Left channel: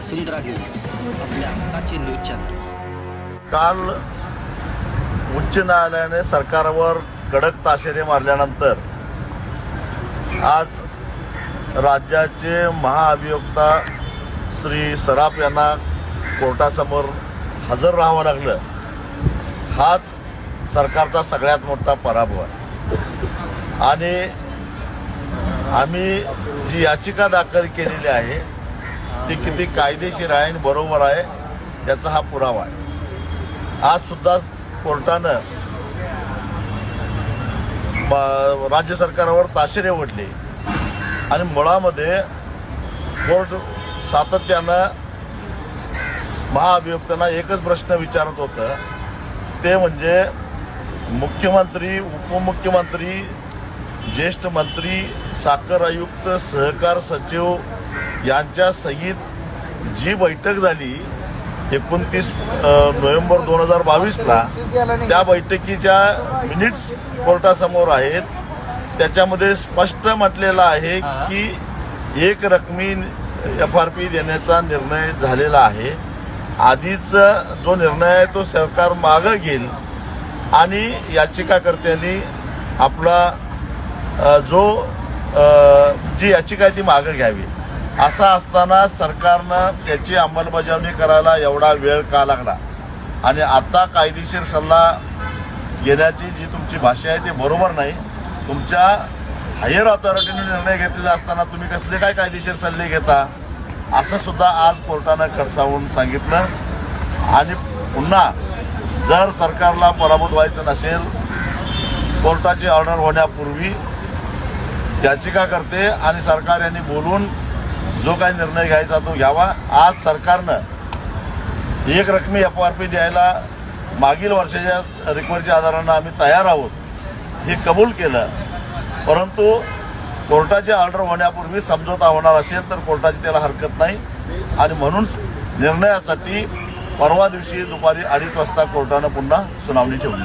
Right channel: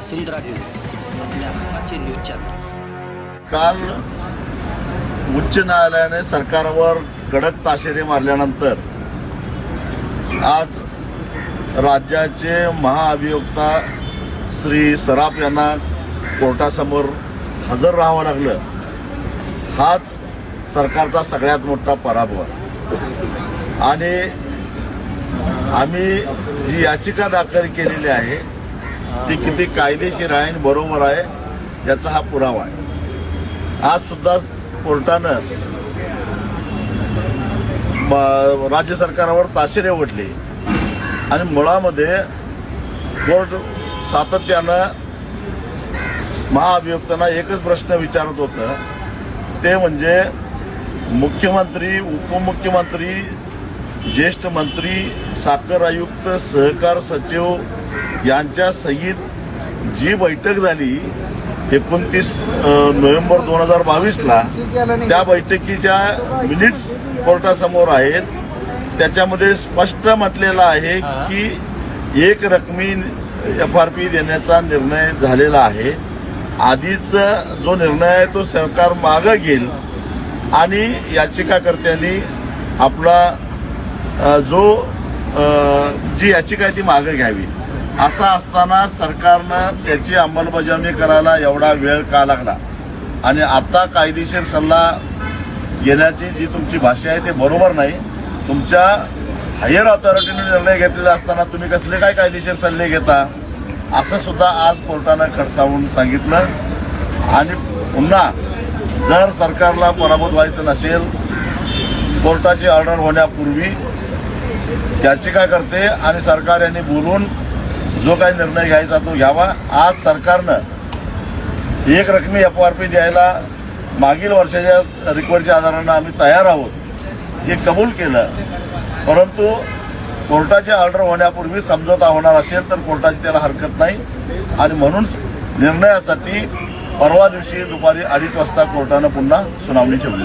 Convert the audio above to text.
वसुंधरा news आपल्या हक्काचे news channel काल उच्च न्यायालयाने सरकारवर कडक ताशेरे मारल्यानंतर आज राज्याचे महाअभियोक्ता श्री सराफ यांना कोर्टासमोर हजर राहावं लागलं हाच सरकारचा सगळ्यात मोठा पराभव आणि आम्ही जी याचिका दाखल केलेली आहे ते किती कायदेशीर आहे आणि बरोबर आहे याचा हा पुरावा आहे आज सुद्धा कोर्टानं राज्य सरकारावर ताशेरे ओढले आणि मुळामध्ये कोर्ट सातत्यानं महाअभियुक्तांना एकच प्रश्न विचारत होतं ते म्हणजे मुख्यमंत्री उपमुख्यमंत्री ज्येष्ठ मंत्री साखर आयुक्त सहकार सचिव यांच्या सहित जी बैठक झाली एकोणतीस नोव्हेंबर दोन हजार बावीसला त्या बैठकीच्या मिनिट्स कोर्टासमोर आहेत त्याच्यामध्ये स्पष्ट म्हटलेलं आहे की एक रकमी एफ आर पी देण्याचा निर्णय झालेला आहे आधीचा जो निर्णय आहे तो सरकार मागं घेईल आणि याचिकाकर्त्यांनी आपला जो जी याचिका आहे ती मागे घ्यावी असं असताना सरकारनं त्याची अंमलबजावणी करायला एवढा वेळ का लागला आणि आता कायदेशीर सल्ला घेण्याची जी तुमची भाषा आहे ते बरोबर नाही तुमच्या हायर ऑथॉरिटीने निर्णय घेतलेला असताना तुम्ही कसले काय कायदेशीर सल्ले घेता असं सुद्धा आज कोर्टानं खडसावून सांगितलं आणि पुन्हा जर सरकारला पराभूत व्हायचं नसेल कोर्टाची ऑर्डर होण्यापूर्वी याचिका करते आणि सरकार यांनी बोलून जो काही निर्णय घ्यायचा तो घ्यावा आज सरकारनं एक रकमी एफ आर पी द्यायला मागील वर्षाच्या रिक्वरच्या आधारानं आम्ही तयार आहोत हे कबूल केलं परंतु कोर्टाची ऑर्डर होण्यापूर्वी समजोता होणार असेल तर कोर्टाची त्याला हरकत नाही आणि म्हणून निर्णयासाठी परवा दिवशी दुपारी अडीच वाजता कोर्टानं पुन्हा सुनावणी ठेवली